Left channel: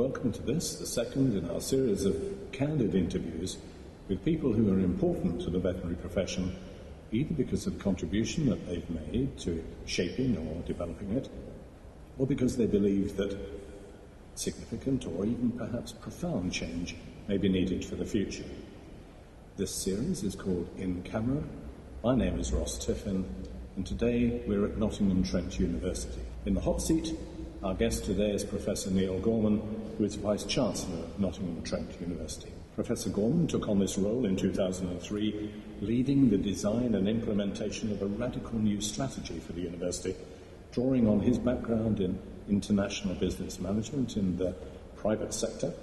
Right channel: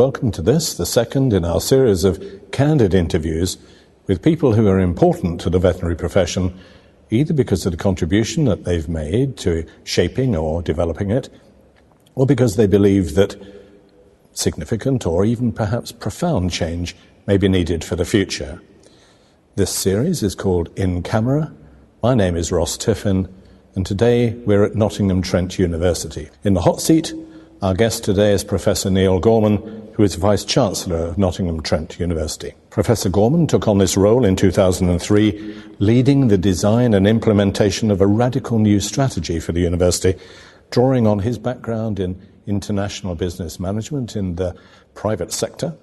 welcome to this, the second in our series of candid interviews with people who are important to the veterinary profession, either because of the contribution that they've made to shaping or developing it, or because they believe that significant or even perhaps profound change may be needed for the future. This series is called In Camera. My name is Ross Tiffin, and today we're at Nottingham Trent University. In the hot seat, our guest today is Professor Neil Gorman, who is Vice-Chancellor of Nottingham Trent University. Professor Gorman took on this role in 2003, leading the design and implementation of a radical new strategy for the university, drawing on his background in international business management in the private sector,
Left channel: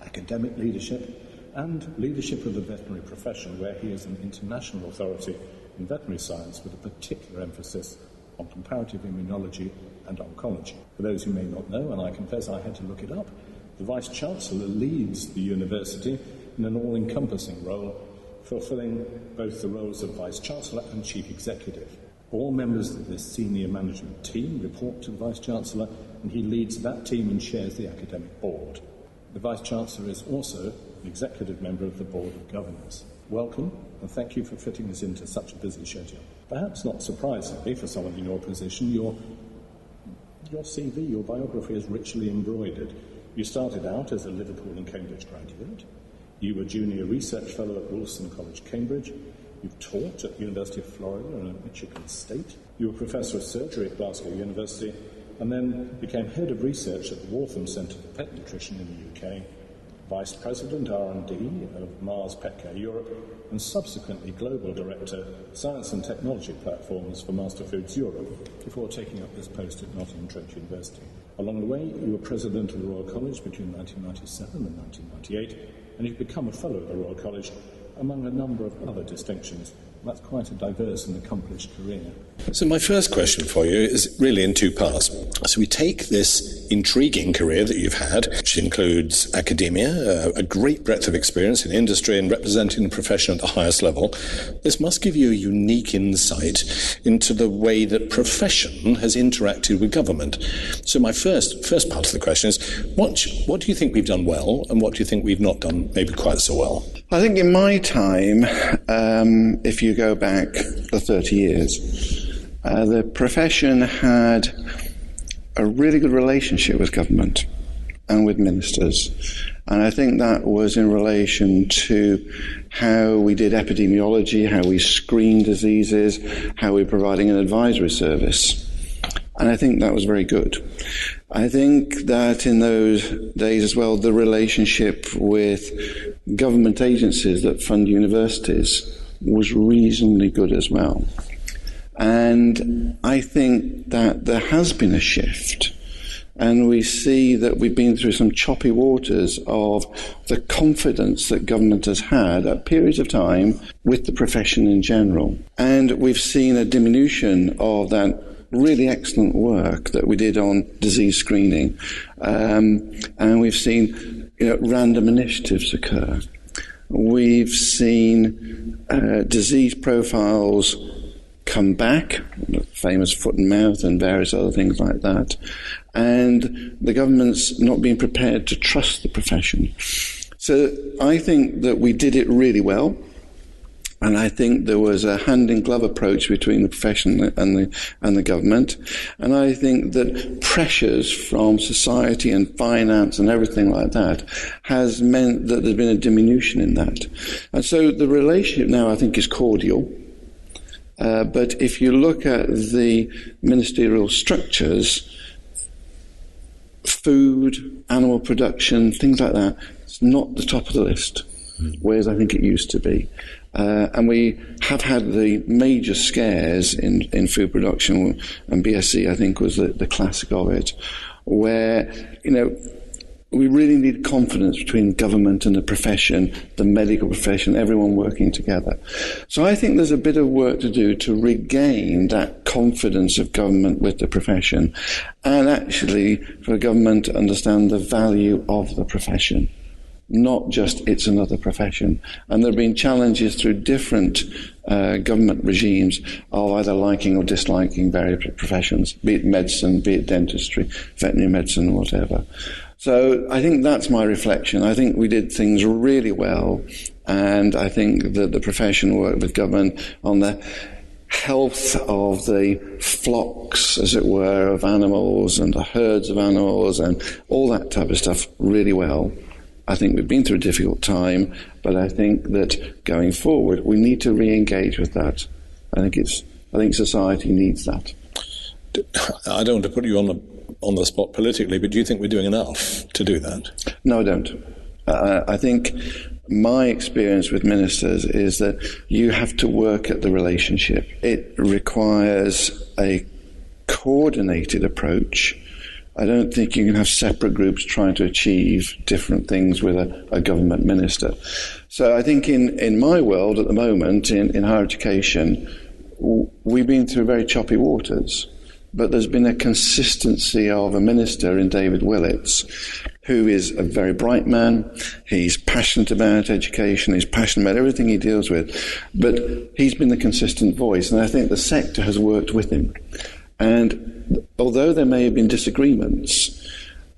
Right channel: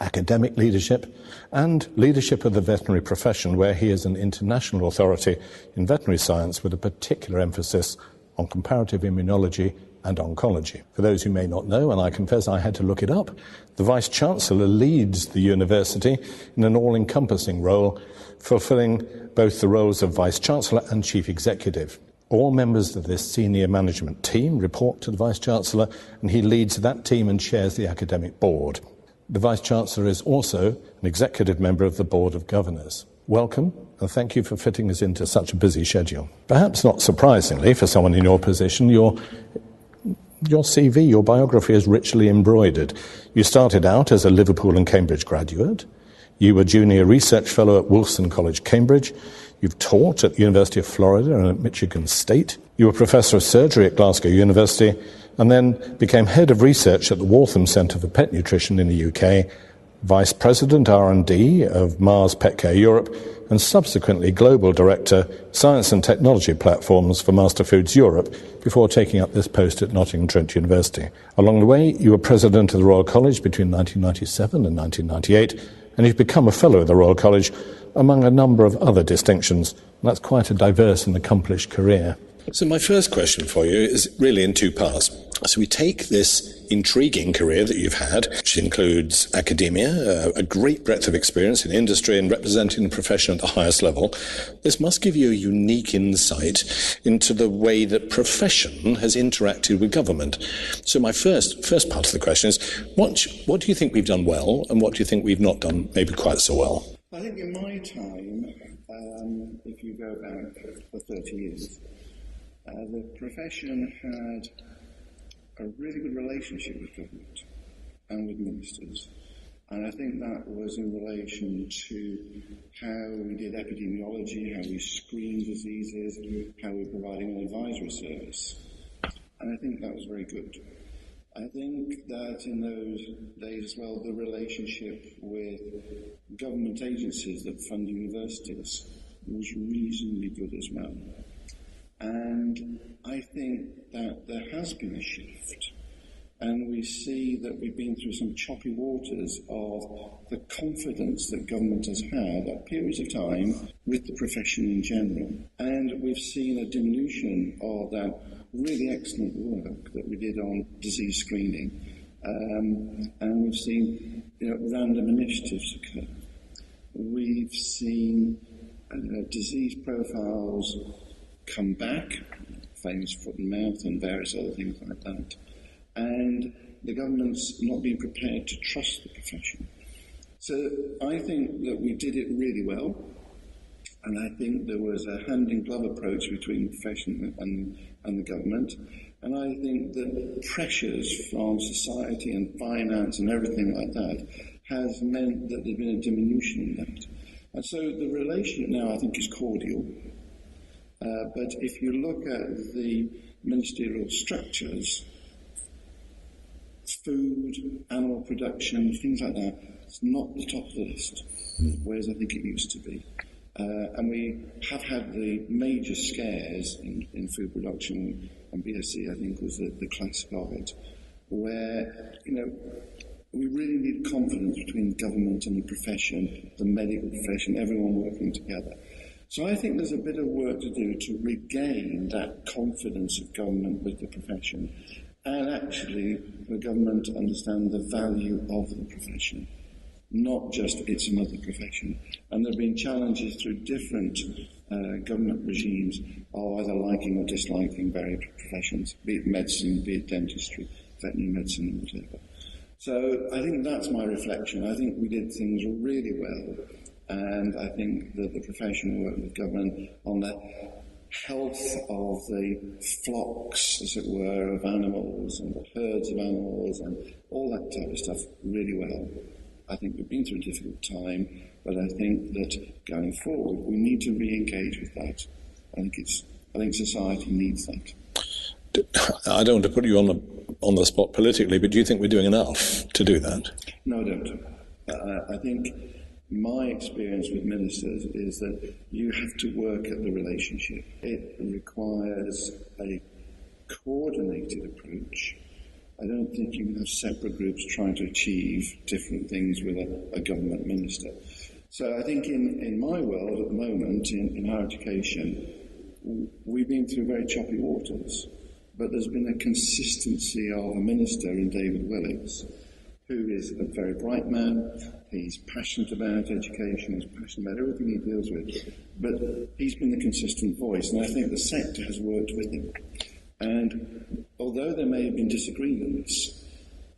academic leadership, and leadership of the veterinary profession, where he is an international authority in veterinary science with a particular emphasis on comparative immunology and oncology. For those who may not know, and I confess I had to look it up, the Vice-Chancellor leads the university in an all-encompassing role, fulfilling both the roles of Vice-Chancellor and Chief Executive. All members of this senior management team report to the Vice-Chancellor, and he leads that team and chairs the academic board. The Vice-Chancellor is also an executive member of the Board of Governors. Welcome, and thank you for fitting us into such a busy schedule. Perhaps not surprisingly, for someone in your position, your CV, your biography is richly embroidered. You started out as a Liverpool and Cambridge graduate. You were Junior Research Fellow at Wolfson College, Cambridge. You've taught at the University of Florida and at Michigan State. You were Professor of Surgery at Glasgow University and then became Head of Research at the Waltham Centre for Pet Nutrition in the UK, Vice President R&D of Mars Pet Care Europe, and subsequently Global Director, Science and Technology Platforms for Master Foods Europe, before taking up this post at Nottingham Trent University. Along the way, you were President of the Royal College between 1997 and 1998, and you've become a Fellow of the Royal College, among a number of other distinctions. That's quite a diverse and accomplished career. So my first question for you is really in two parts. So we take this intriguing career that you've had, which includes academia, a great breadth of experience in industry and representing the profession at the highest level. This must give you a unique insight into the way that profession has interacted with government. So my first part of the question is, what do you think we've done well, and what do you think we've not done maybe quite so well? I think in my time, if you go back for 30 years, the profession had a really good relationship with government and with ministers. And I think that was in relation to how we did epidemiology, how we screened diseases, how we were providing an advisory service. And I think that was very good. I think that in those days as well, the relationship with government agencies that fund universities was reasonably good as well. And I think that there has been a shift, and we see that we've been through some choppy waters of the confidence that government has had at periods of time with the profession in general. And we've seen a diminution of that really excellent work that we did on disease screening. And we've seen random initiatives occur. We've seen disease profiles come back, famous foot and mouth and various other things like that, and the government's not being prepared to trust the profession. So I think that we did it really well, and I think there was a hand-in-glove approach between the profession and the government, and I think that pressures from society and finance and everything like that has meant that there's been a diminution in that. And so the relationship now, I think, is cordial. But if you look at the ministerial structures, food, animal production, things like that, it's not the top of the list, whereas I think it used to be. And we have had the major scares in food production, and BSE, I think, was the classic of it, where, we really need confidence between government and the profession, the medical profession, everyone working together. So I think there's a bit of work to do to regain that confidence of government with the profession, and actually for the government to understand the value of the profession, not just it's another profession. And there have been challenges through different government regimes of either liking or disliking various professions, be it medicine, be it dentistry, veterinary medicine, whatever. So I think that's my reflection. I think we did things really well, and I think that the profession worked with government on the health of the flocks, as it were, of animals and the herds of animals and all that type of stuff really well. I think we've been through a difficult time, but I think that going forward we need to re-engage with that. I think society needs that. I don't want to put you on the spot politically, but do you think we're doing enough to do that? No, I don't. I think my experience with ministers is that you have to work at the relationship. It requires a coordinated approach. I don't think you can have separate groups trying to achieve different things with a government minister. So I think in my world at the moment, in higher education, we've been through very choppy waters. But there's been a consistency of a minister in David Willits, who is a very bright man. He's passionate about education. He's passionate about everything he deals with. But he's been the consistent voice, and I think the sector has worked with him. And although there may have been disagreements,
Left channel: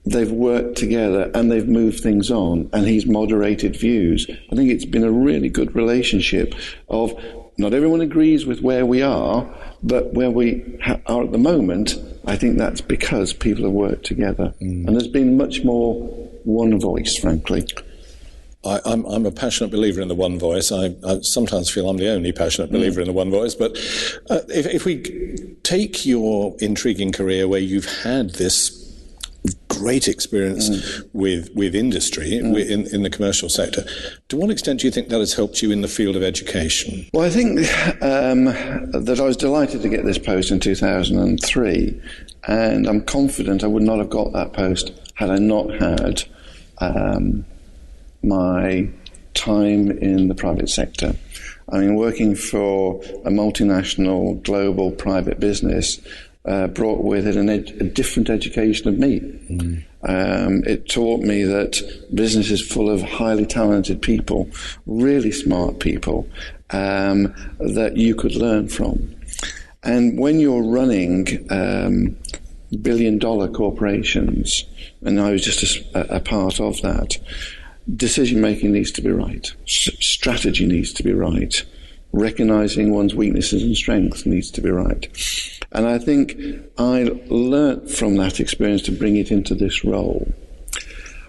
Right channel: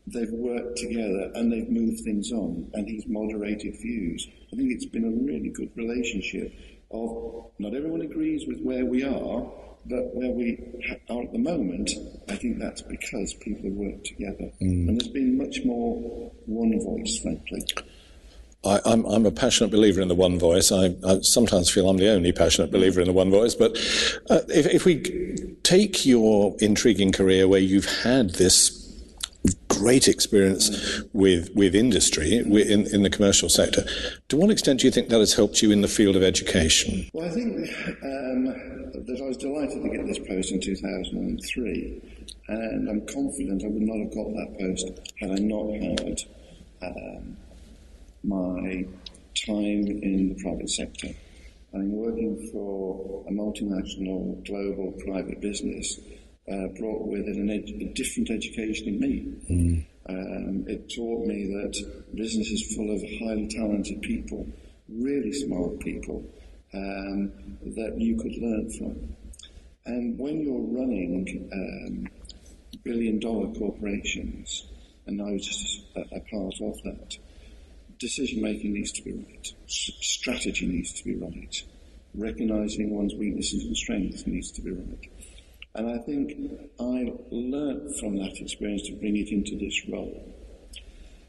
they've worked together and they've moved things on, and he's moderated views. I think it's been a really good relationship of not everyone agrees with where we are, but where we are at the moment, I think that's because people have worked together. And there's been much more one voice, frankly. I'm a passionate believer in the one voice. I sometimes feel I'm the only passionate believer in the one voice. But if we take your intriguing career where you've had this great experience with industry in the commercial sector, to what extent do you think that has helped you in the field of education? Well, I think that I was delighted to get this post in 2003, and I'm confident I would not have got that post had I not had my time in the private sector. I mean, working for a multinational global private business brought with it a different education of me. It taught me that business is full of highly talented people, really smart people, that you could learn from. And when you're running billion-dollar corporations, and I was just a part of that, decision-making needs to be right. Strategy needs to be right. Recognizing one's weaknesses and strengths needs to be right. And I think I learnt from that experience to bring it into this role.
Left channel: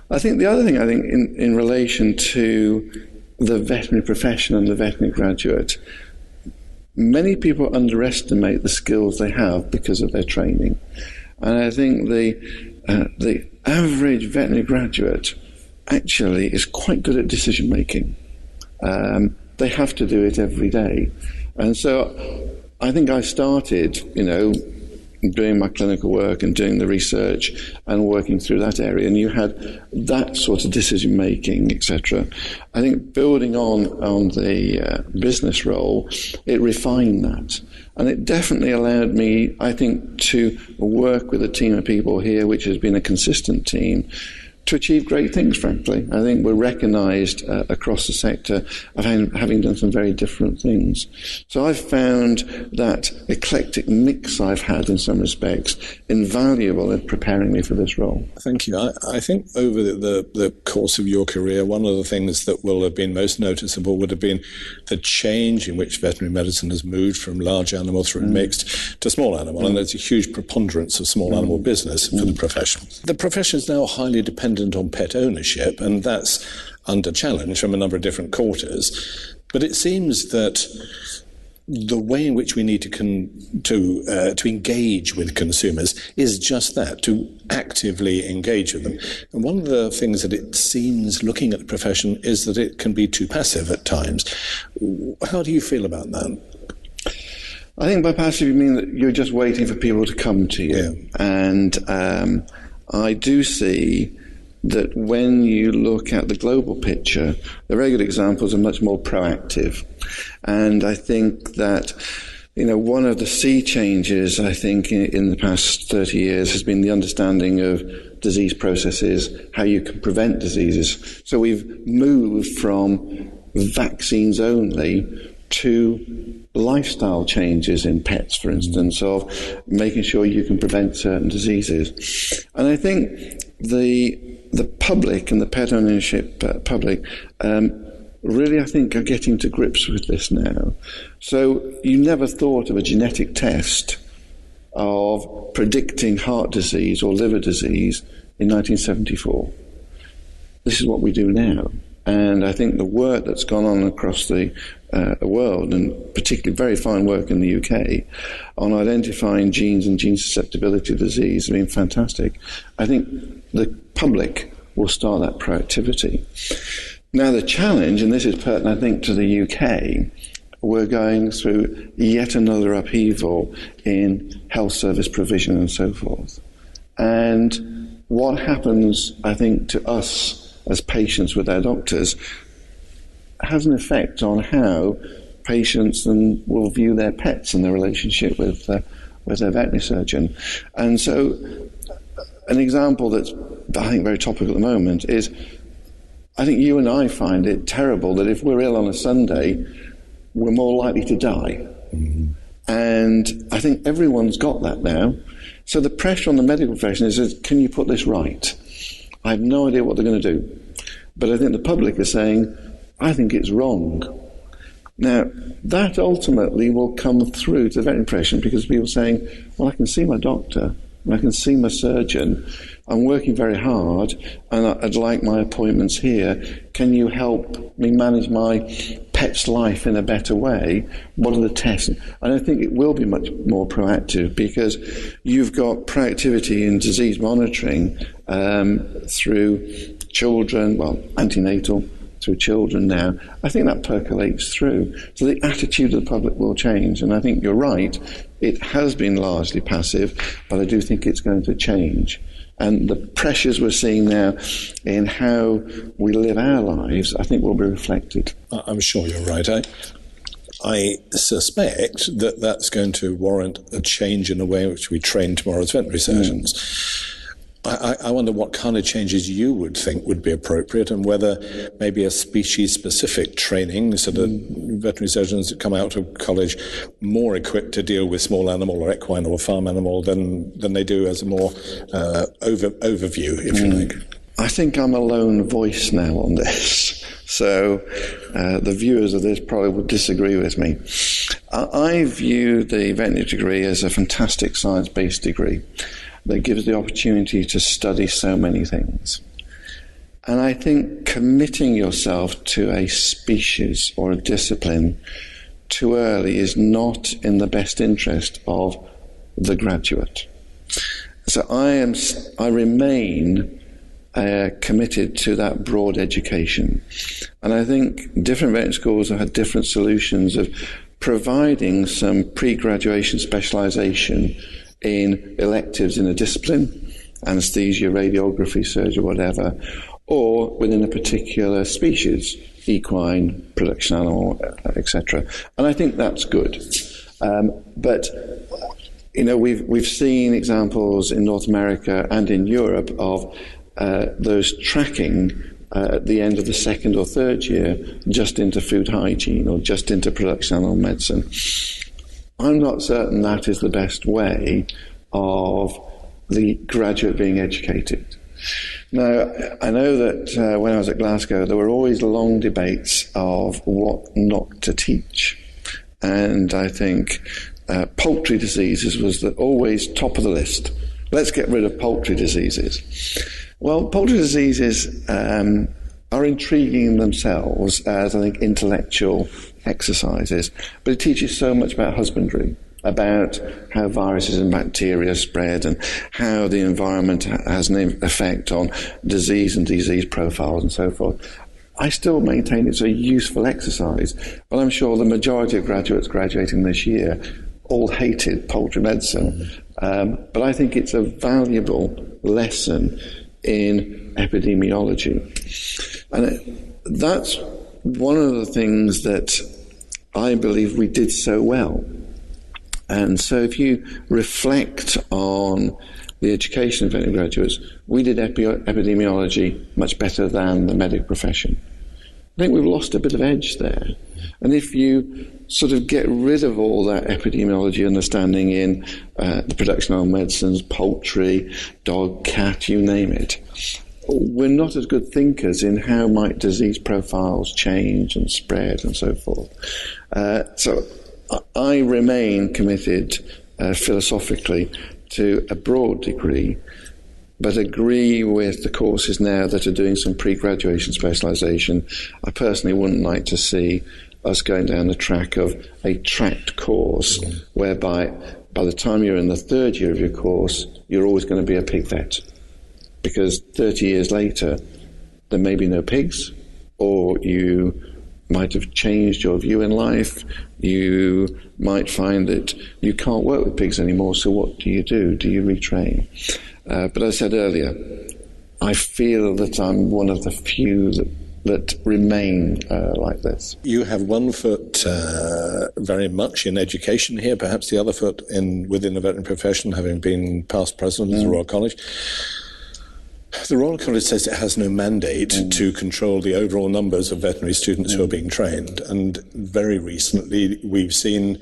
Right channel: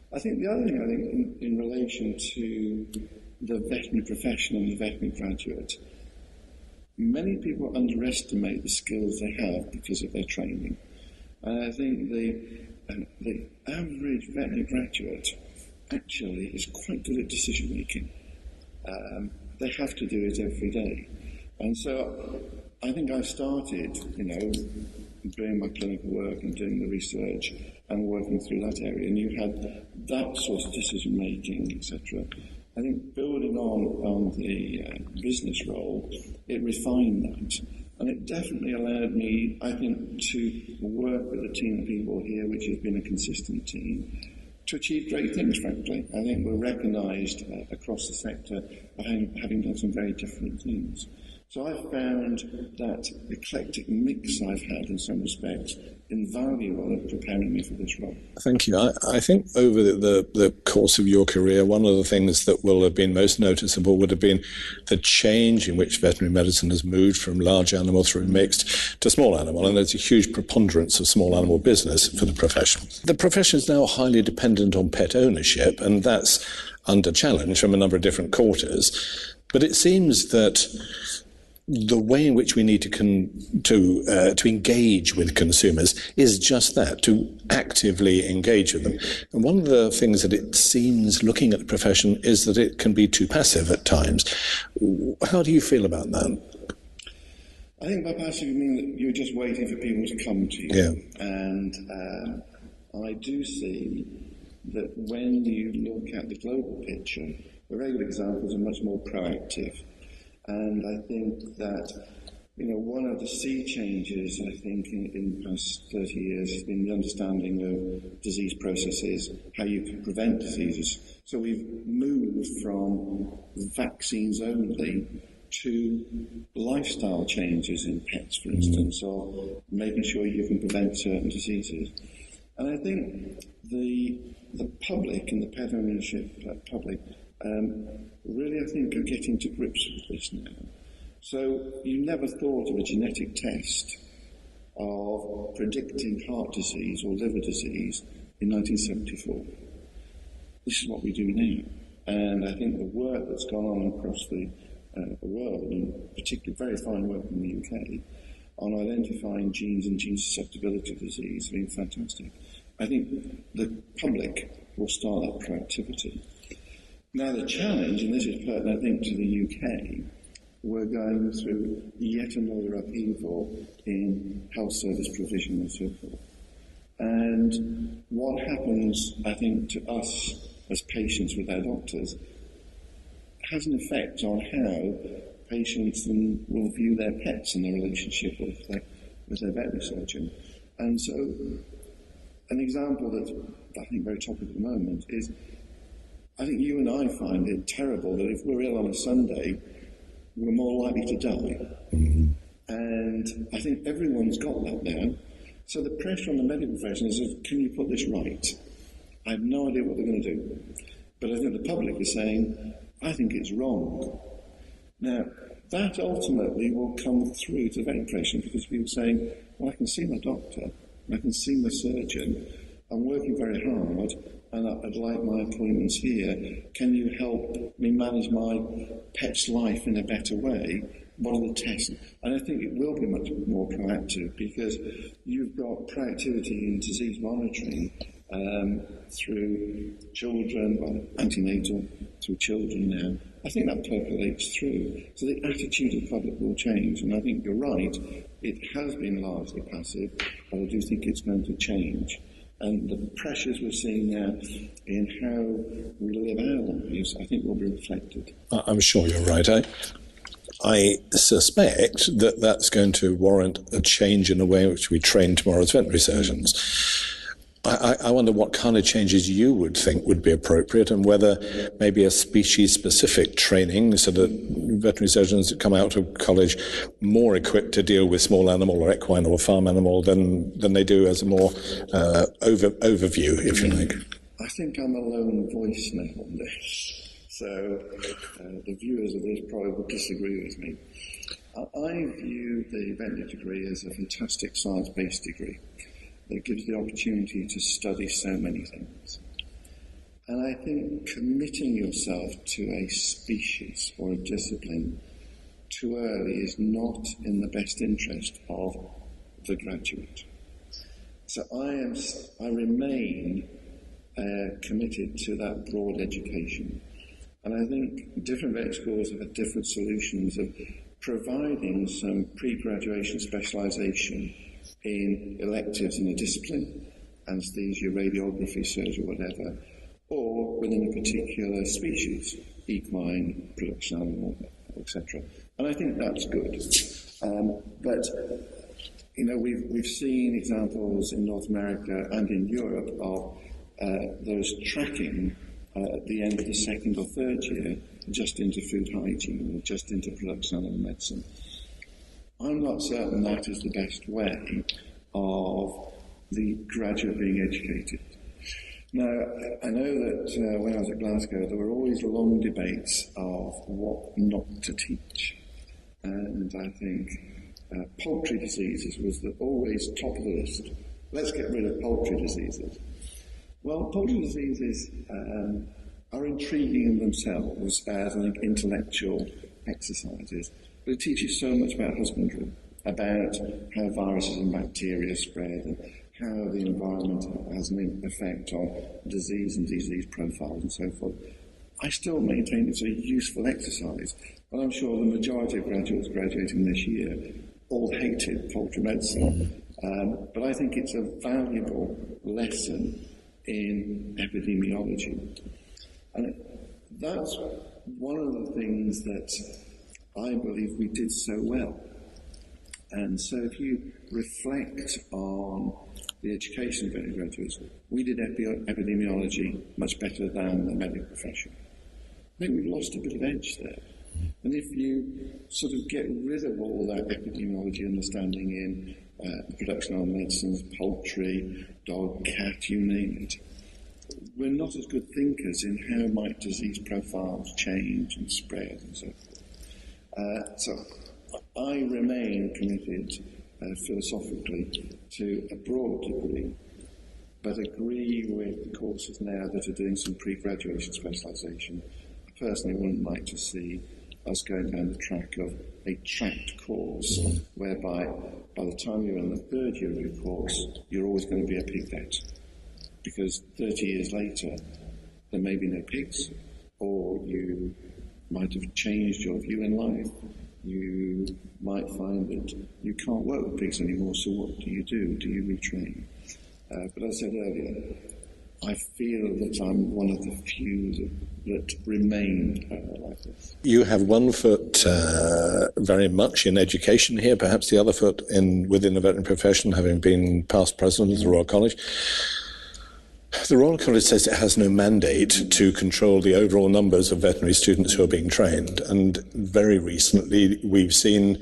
I think the other thing, in relation to the veterinary profession and the veterinary graduate, many people underestimate the skills they have because of their training. And I think the average veterinary graduate actually is quite good at decision making. They have to do it every day. And so I think I started, doing my clinical work and doing the research and working through that area, and you had that sort of decision making, etc. I think building on the business role, it refined that, and it definitely allowed me, I think, to work with a team of people here, which has been a consistent team, to achieve great things, frankly. I think we're recognised across the sector of having done some very different things. So I've found that eclectic mix I've had in some respects invaluable in preparing me for this role. Thank you. I think over the course of your career, one of the things that will have been most noticeable would have been the change in which veterinary medicine has moved from large animal through mixed to small animal, and there's a huge preponderance of small animal business for the profession. The profession is now highly dependent on pet ownership, and that's under challenge from a number of different quarters. But it seems that the way in which we need to engage with consumers is just that, to actively engage with them. And one of the things that it seems, looking at the profession, is that it can be too passive at times. How do you feel about that? I think by passive you mean that you're just waiting for people to come to you. Yeah. And I do see that when you look at the global picture, the very good examples are much more proactive. And I think that, one of the sea changes, I think, in the past 30 years has been the understanding of disease processes, how you can prevent diseases. So we've moved from vaccines only to lifestyle changes in pets, for instance, of making sure you can prevent certain diseases. And I think the the public and the pet ownership public really, I think, are getting to grips with this now. So you never thought of a genetic test of predicting heart disease or liver disease in 1974. This is what we do now. And I think the work that's gone on across the world, and particularly very fine work in the UK, on identifying genes and gene susceptibility to disease has been fantastic. I think the public will start that proactivity. Now the challenge, and this is pertinent, I think, to the UK, we're going through yet another upheaval in health service provision and so forth. And what happens, I think, to us as patients with our doctors has an effect on how patients then will view their pets and their relationship with their veterinary surgeon. And so an example that's, I think, very topical at the moment is, I think you and I find it terrible that if we're ill on a Sunday, we're more likely to die. Mm-hmm. And I think everyone's got that now. So the pressure on the medical profession is, can you put this right? I have no idea what they're going to do. But I think the public is saying, I think it's wrong. Now, that ultimately will come through to the veterinary profession, because people are saying, well, I can see my doctor, and I can see my surgeon, I'm working very hard, and I'd like my appointments here. Can you help me manage my pet's life in a better way? What are the tests? And I think it will be much more proactive, because you've got proactivity in disease monitoring through children, well, antenatal, through children now. I think that percolates through. So the attitude of the public will change. And I think you're right, it has been largely passive, but I do think it's going to change. And the pressures we're seeing now in how we live our lives, I think will be reflected. I'm sure you're right. I suspect that that's going to warrant a change in the way in which we train tomorrow's veterinary surgeons. I wonder what kind of changes you would think would be appropriate, and whether maybe a species-specific training, so that veterinary surgeons that come out of college more equipped to deal with small animal or equine or farm animal than they do as a more overview, if you like. I think I'm a lone voice now on this. So the viewers of this probably would disagree with me. I view the veterinary degree as a fantastic science-based degree that gives the opportunity to study so many things. And I think committing yourself to a species or a discipline too early is not in the best interest of the graduate. So I remain committed to that broad education. And I think different veterinary schools have had different solutions of providing some pre-graduation specialisation in electives in a discipline, anaesthesia, radiography, surgery, whatever, or within a particular species, equine, production animal, etc. And I think that's good. But you know, we've seen examples in North America and in Europe of those tracking at the end of the second or third year just into food hygiene or just into production animal medicine. I'm not certain that is the best way of the graduate being educated. Now, I know that when I was at Glasgow, there were always long debates of what not to teach. And I think poultry diseases was always top of the list. Let's get rid of poultry diseases. Well, poultry diseases are intriguing in themselves as, I think, intellectual exercises, but it teaches so much about husbandry, about how viruses and bacteria spread and how the environment has an effect on disease and disease profiles and so forth. I still maintain it's a useful exercise, but I'm sure the majority of graduates graduating this year all hated poultry medicine. But I think it's a valuable lesson in epidemiology. And that's one of the things that I believe we did so well. And so if you reflect on the education of veterinary graduates, we did epidemiology much better than the medical profession. I think we've lost a bit of edge there. And if you sort of get rid of all that epidemiology understanding in the production of medicines, poultry, dog, cat, you name it, we're not as good thinkers in how might disease profiles change and spread and so forth. So I remain committed philosophically to a broad degree, but agree with the courses now that are doing some pre-graduation specialisation. I personally wouldn't like to see us going down the track of a tracked course, whereby by the time you're in the third year of your course, you're always going to be a pig vet. Because 30 years later, there may be no pigs, or you might have changed your view in life. You might find that you can't work with pigs anymore, so what do you do? Do you retrain? But as I said earlier, I feel that I'm one of the few that remain like this. You have one foot very much in education here, perhaps the other foot within the veterinary profession, having been past president of the Royal College. The Royal College says it has no mandate to control the overall numbers of veterinary students who are being trained, and very recently we've seen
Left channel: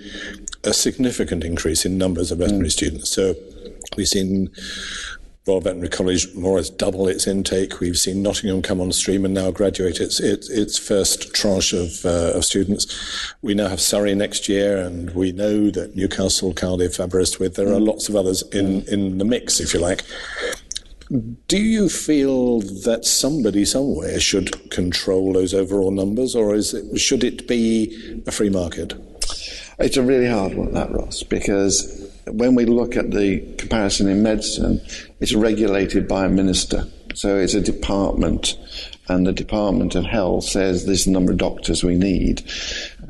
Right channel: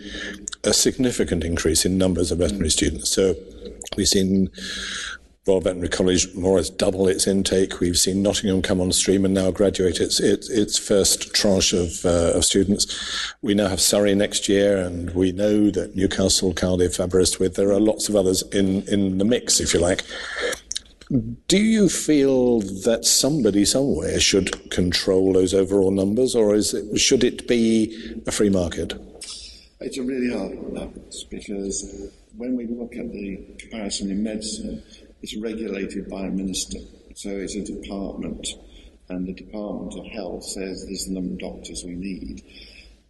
a significant increase in numbers of veterinary students. So we've seen Royal Veterinary College more or less double its intake. We've seen Nottingham come on stream and now graduate its first tranche of students. We now have Surrey next year, and we know that Newcastle, Cardiff, Aberystwyth, there are lots of others in the mix, if you like. Do you feel that somebody somewhere should control those overall numbers, or should it be a free market? It's a really hard one, that, Ross, because when we look at the comparison in medicine, it's regulated by a minister. So it's a department, and the Department of Health says this is the number of doctors we need.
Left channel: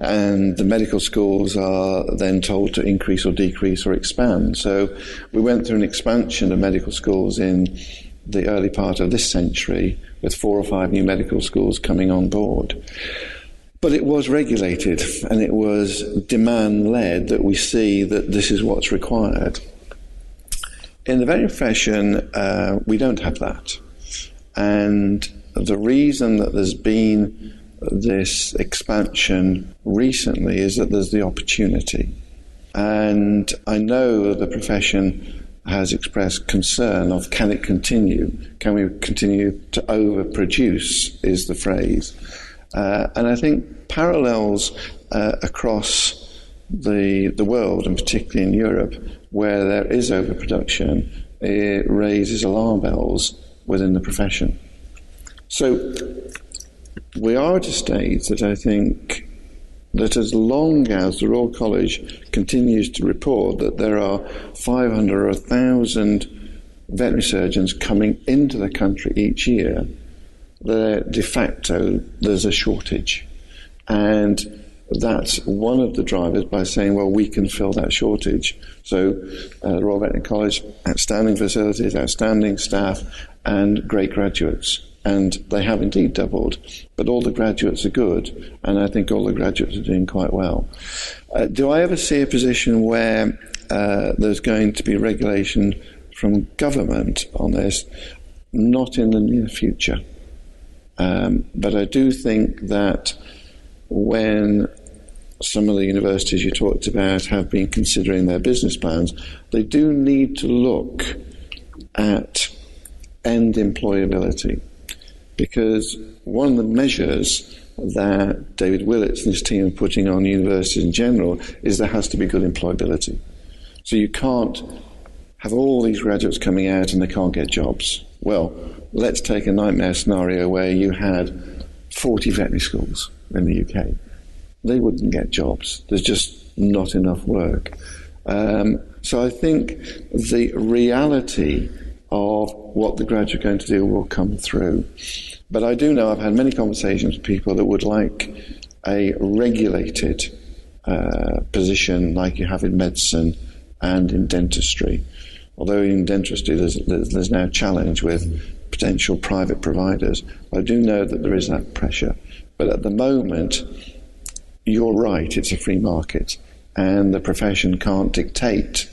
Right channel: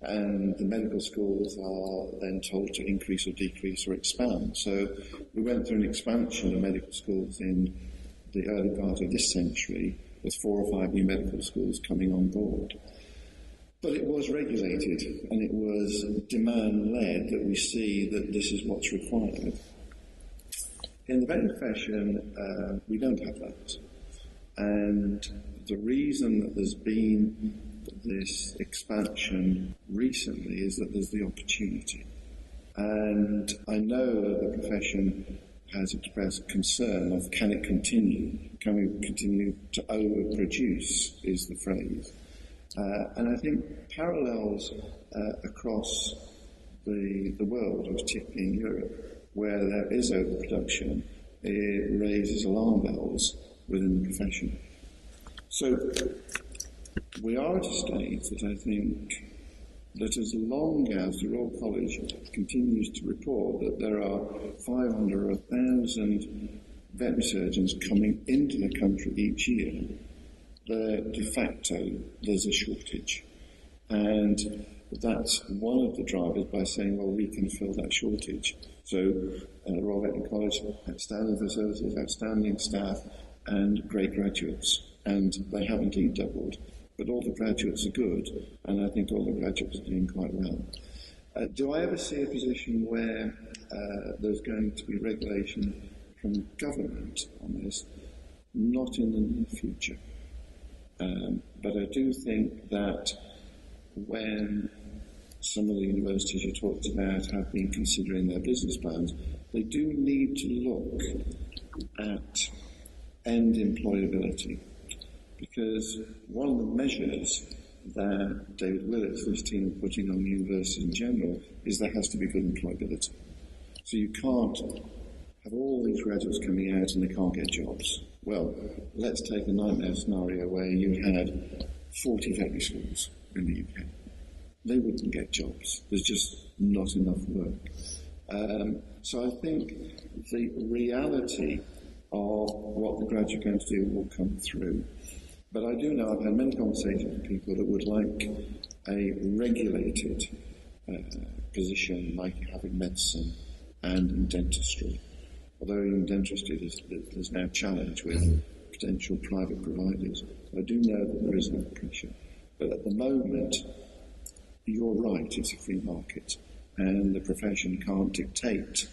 And the medical schools are then told to increase or decrease or expand. So we went through an expansion of medical schools in the early part of this century, with 4 or 5 new medical schools coming on board. But it was regulated, and it was demand-led that we see that this is what's required. In the veterinary profession, we don't have that. And the reason that there's been this expansion recently is that there's the opportunity. And I know the profession has expressed concern of, can it continue? Can we continue to overproduce, is the phrase. And I think parallels across the world, and particularly in Europe, where there is overproduction, it raises alarm bells within the profession. So we are at a stage that I think that as long as the Royal College continues to report that there are 500 or 1,000 veterinary surgeons coming into the country each year, de facto there's a shortage. And that's one of the drivers by saying, well, we can fill that shortage. So the Royal Veterinary College, outstanding facilities, outstanding staff, and great graduates. And they have indeed doubled, but all the graduates are good, and I think all the graduates are doing quite well. Do I ever see a position where there's going to be regulation from government on this? Not in the near future. But I do think that when some of the universities you talked about have been considering their business plans, they do need to look at end employability. Because one of the measures that David Willits and his team are putting on universities in general is there has to be good employability. So you can't have all these graduates coming out and they can't get jobs. Well, let's take a nightmare scenario where you had 40 veterinary schools in the UK. They wouldn't get jobs. There's just not enough work. So I think the reality of what the graduates are going to do will come through. But I do know I've had many conversations with people that would like a regulated position like you have in medicine and in dentistry. Although in dentistry there's now a challenge with potential private providers. I do know that there is that pressure. But at the moment, you're right, it's a free market. And the profession can't dictate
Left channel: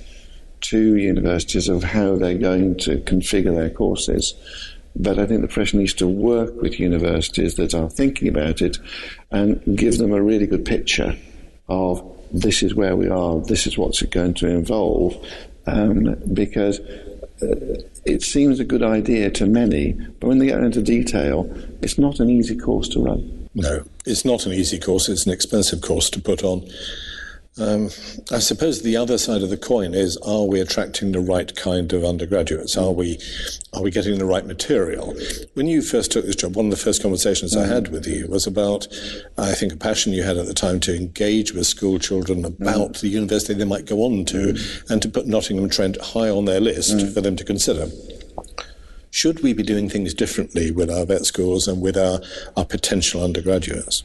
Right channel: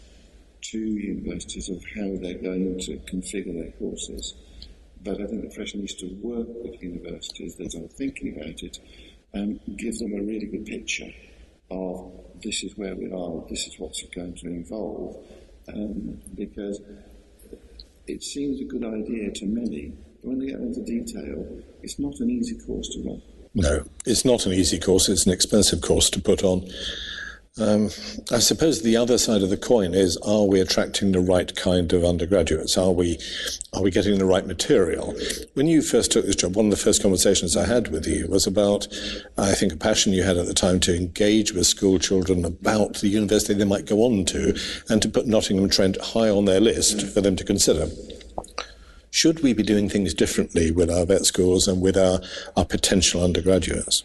to universities of how they're going to configure their courses. But I think the profession needs to work with universities that are thinking about it and give them a really good picture of this is where we are, this is what's it going to involve. Because it seems a good idea to many, but when they get into detail, it's not an easy course to run. No, it's not an easy course. It's an expensive course to put on. I suppose the other side of the coin is, are we attracting the right kind of undergraduates? Are we getting the right material? When you first took this job, one of the first conversations I had with you was about, I think, a passion you had at the time to engage with school children about the university they might go on to, and to put Nottingham Trent high on their list for them to consider. Should we be doing things differently with our vet schools and with our potential undergraduates?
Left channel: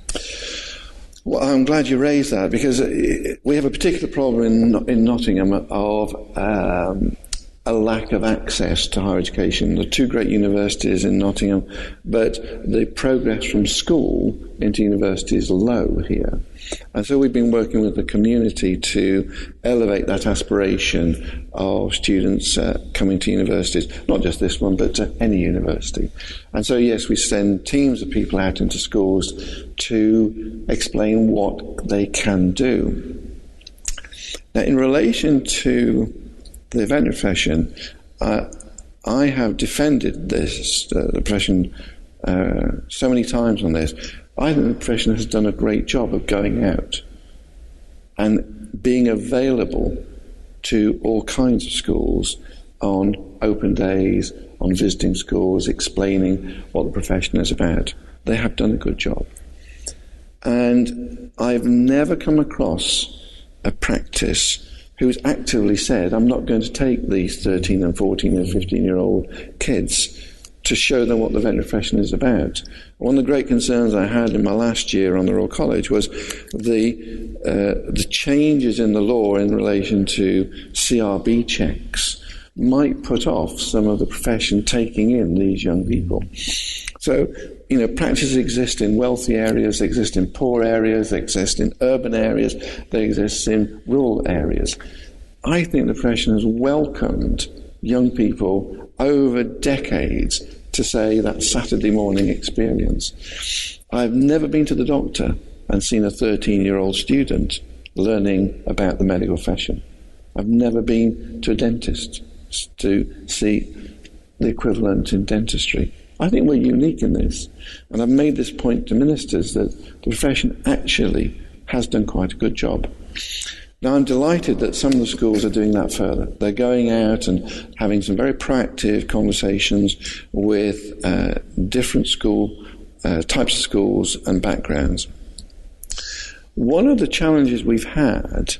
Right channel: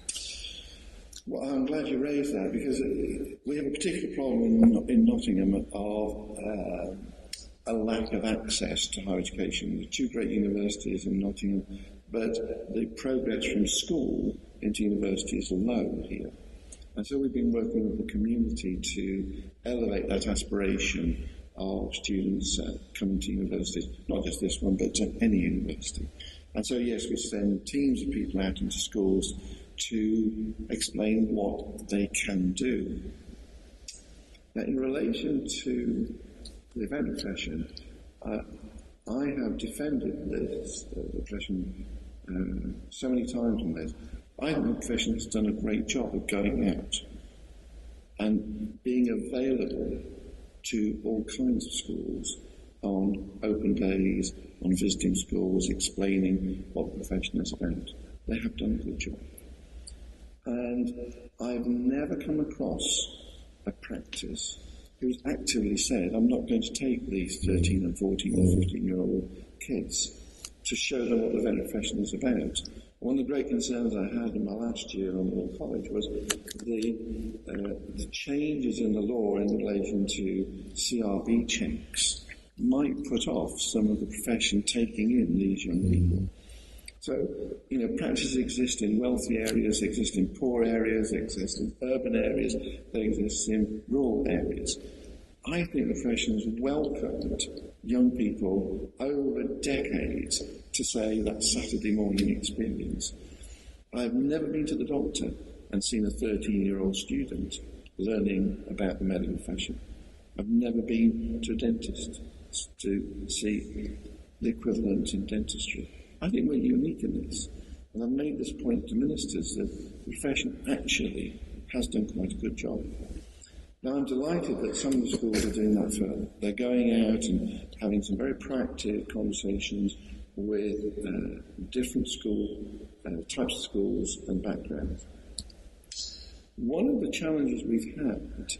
Well, I'm glad you raised that, because we have a particular problem in Nottingham of a lack of access to higher education. There are two great universities in Nottingham, but the progress from school into university is low here. And so we've been working with the community to elevate that aspiration of students coming to universities, not just this one, but to any university. And so, yes, we send teams of people out into schools to explain what they can do. Now, in relation to the veterinary profession, I have defended this, the profession, so many times on this. I think the profession has done a great job of going out and being available to all kinds of schools on open days, on visiting schools, explaining what the profession is about. They have done a good job. And I've never come across a practice who's actively said, I'm not going to take these 13 and 14 and 15-year-old kids to show them what the veterinary profession is about. One of the great concerns I had in my last year on the Royal College was the changes in the law in relation to CRB checks might put off some of the profession taking in these young people. So, practices exist in wealthy areas, they exist in poor areas, they exist in urban areas, they exist in rural areas. I think the profession has welcomed young people over decades to say that Saturday morning experience. I've never been to the doctor and seen a 13-year-old student learning about the medical profession. I've never been to a dentist to see the equivalent in dentistry. I think we're unique in this, and I've made this point to ministers that the profession actually has done quite a good job. Now, I'm delighted that some of the schools are doing that further. They're going out and having some very proactive conversations with different types of schools and backgrounds. One of the challenges we've had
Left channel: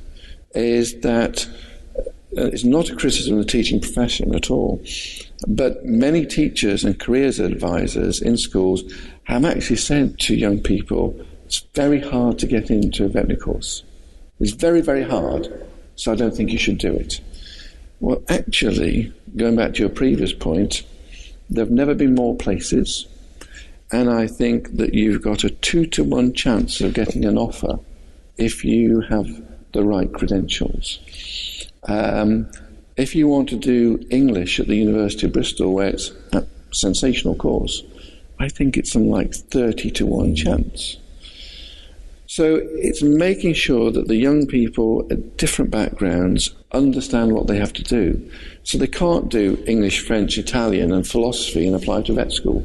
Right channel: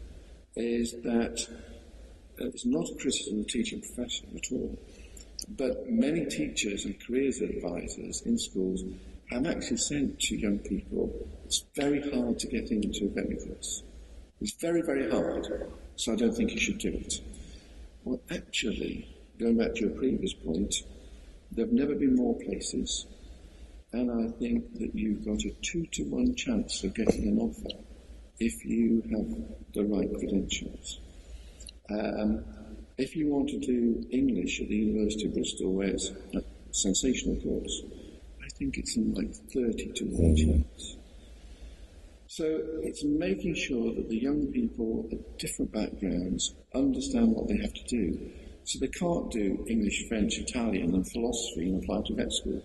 is that it's not a criticism of the teaching profession at all, but many teachers and careers advisors in schools have actually said to young people, it's very hard to get into a veterinary course. It's very, very hard, so I don't think you should do it. Well, actually, going back to your previous point, there have never been more places, and I think that you've got a 2-to-1 chance of getting an offer if you have the right credentials. If you want to do English at the University of Bristol, where it's a sensational course, I think it's something like 30-to-1 chance. So it's making sure that the young people at different backgrounds understand what they have to do. So they can't do English, French, Italian and philosophy and apply to vet school.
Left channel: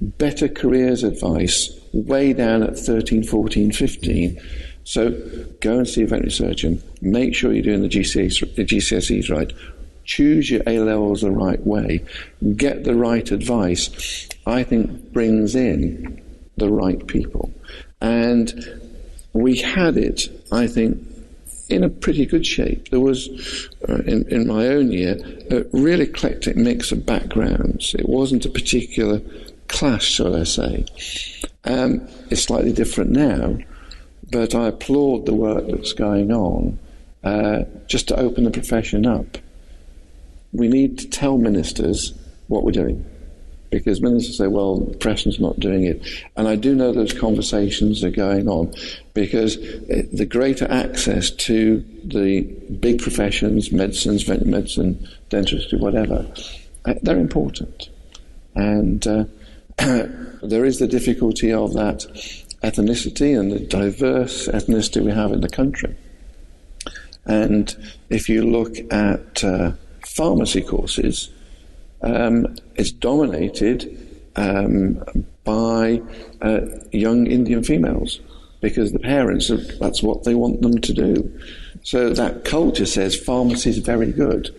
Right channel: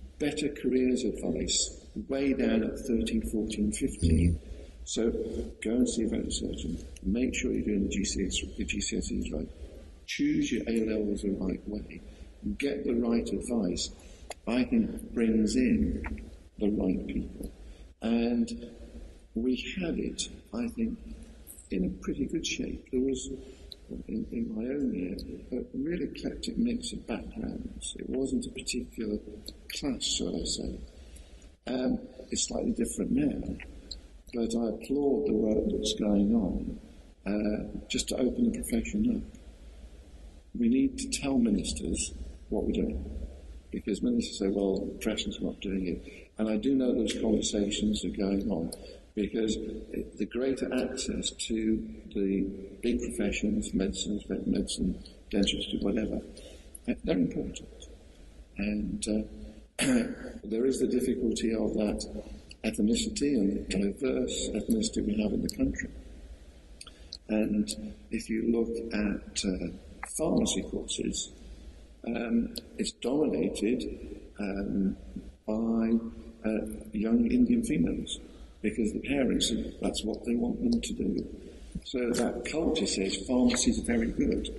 Better careers advice way down at 13, 14, 15. So go and see a veterinary surgeon. Make sure you're doing the GCSEs right. Choose your A-levels the right way. Get the right advice. I think brings in the right people. And we had it, I think, in a pretty good shape. There was, in my own year, a really eclectic mix of backgrounds. It wasn't a particular clash, shall I say. It's slightly different now, but I applaud the work that's going on just to open the profession up. We need to tell ministers what we're doing, because ministers say, well, the profession's not doing it. And I do know those conversations are going on, because the greater access to the big professions, medicines, veterinary medicine, dentistry, whatever, they're important. And there is the difficulty of that ethnicity and the diverse ethnicity we have in the country. And if you look at pharmacy courses, it's dominated by young Indian females, because the parents, that's what they want them to do. So that culture says pharmacy is very good.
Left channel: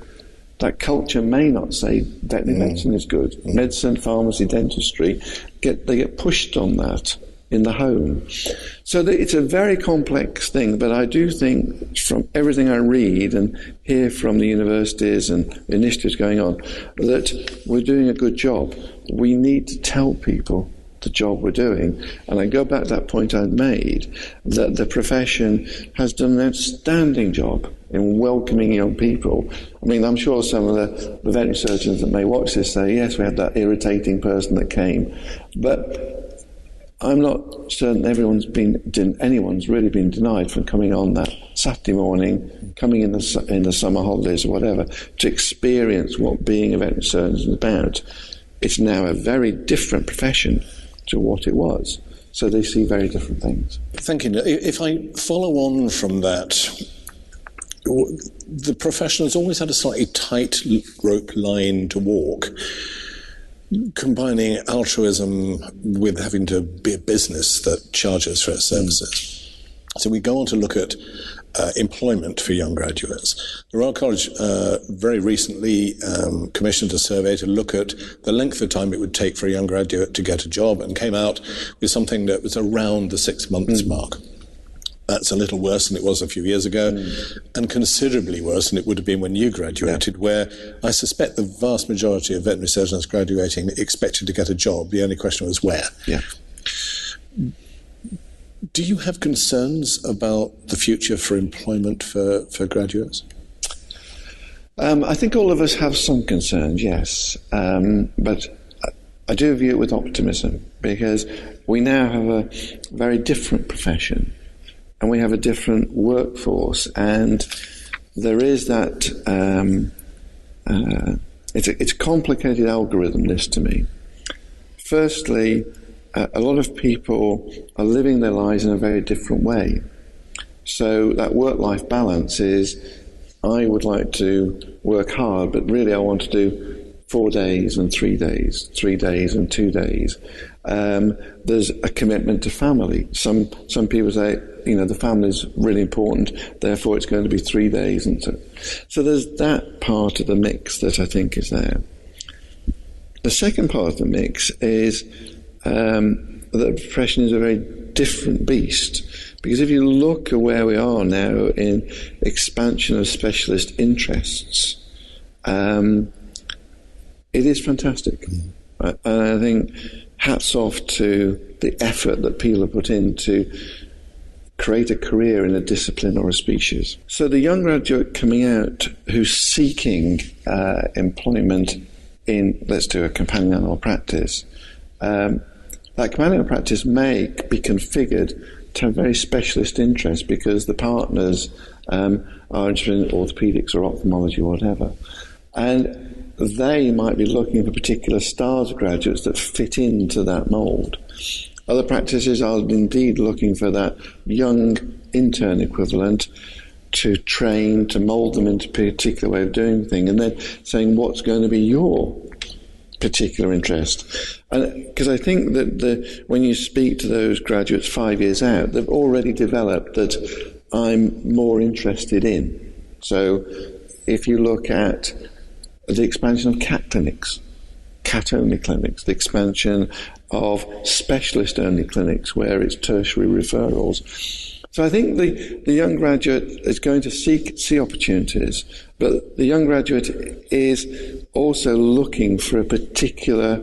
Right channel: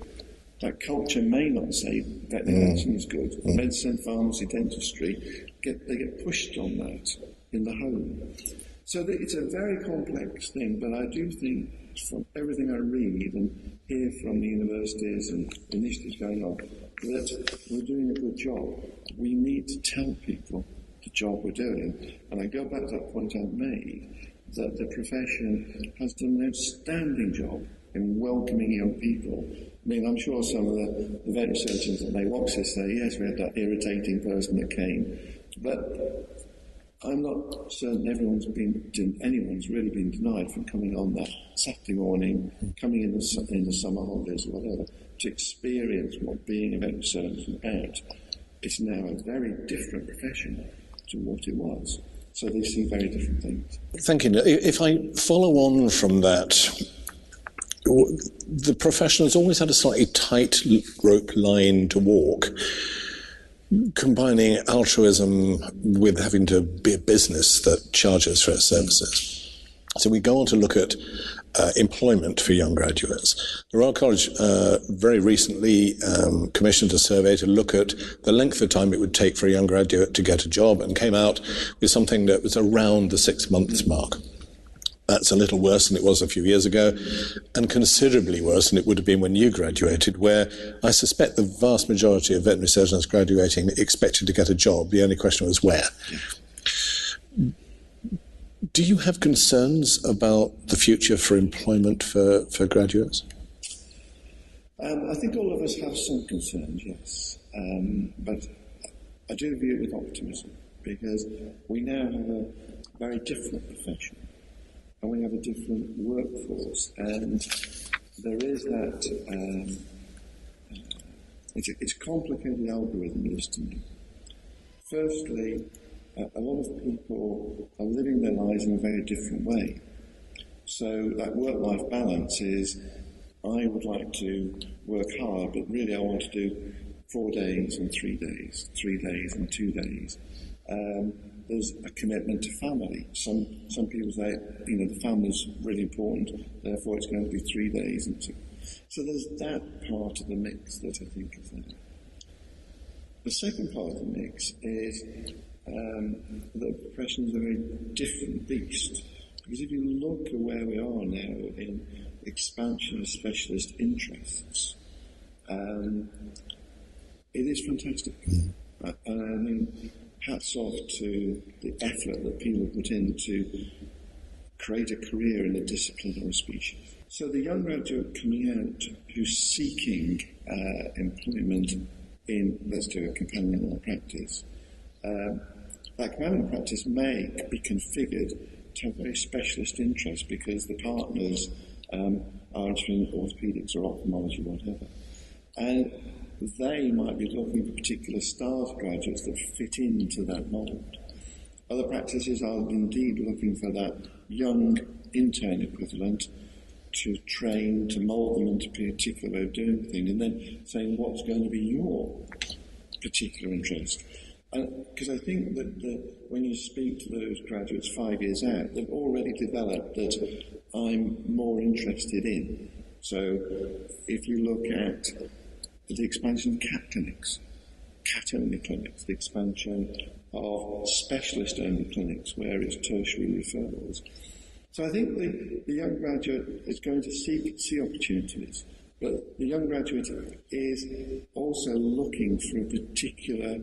That culture may not say veterinary medicine is good. Medicine, pharmacy, dentistry, they get pushed on that in the home. So it's a very complex thing, but I do think from everything I read and hear from the universities and initiatives going on, that we're doing a good job. We need to tell people the job we're doing. And I go back to that point I made, that the profession has done an outstanding job in welcoming young people. I mean, I'm sure some of the veterinary surgeons that may watch this say, yes, we had that irritating person that came. But I'm not certain anyone's really been denied from coming on that Saturday morning, coming in the summer holidays or whatever, to experience what being a veterinary surgeon is about. It's now a very different profession to what it was. So they see very different things. Thank you. If I follow on from that, the profession has always had a slightly tight rope line to walk, combining altruism with having to be a business that charges for its services. So we go on to look at employment for young graduates. The Royal College very recently commissioned a survey to look at the length of time it would take for a young graduate to get a job, and came out with something that was around the 6 months mark. That's a little worse than it was a few years ago, and considerably worse than it would have been when you graduated, where I suspect the vast majority of veterinary surgeons graduating expected to get a job. The only question was where. Yeah. Do you have concerns about the future for employment for graduates? I think all of us have some concerns, yes. But I do view it with optimism, because we now have a very different profession, and we have a different workforce, and there is that, it's a complicated algorithm, this, to me. Firstly, a lot of people are living their lives in a very different way. So that work-life balance is, I would like to work hard, but really I want to do 4 days and 3 days, 3 days and 2 days. There's a commitment to family. Some people say, the family is really important, therefore it's going to be 3 days. And so there's that part of the mix that I think is there. The second part of the mix is that the profession is a very different beast. Because if you look at where we are now in expansion of specialist interests, it is fantastic. And I think hats off to the effort that people have put in to create a career in a discipline or a species. So the young graduate coming out who's seeking employment in, let's do a companion animal practice, that companion animal practice may be configured to have very specialist interests, because the partners are interested in orthopedics or ophthalmology or whatever. And they might be looking for particular styles of graduates that fit into that mould. Other practices are indeed looking for that young intern equivalent to train, to mould them into a particular way of doing things, and then saying, what's going to be your particular interest? And because I think that when you speak to those graduates 5 years out, they've already developed that I'm more interested in. So if you look at the expansion of cat clinics, cat-only clinics, the expansion of specialist-only clinics where it's tertiary referrals. So I think the young graduate is going to see opportunities, but the young graduate is also looking for a particular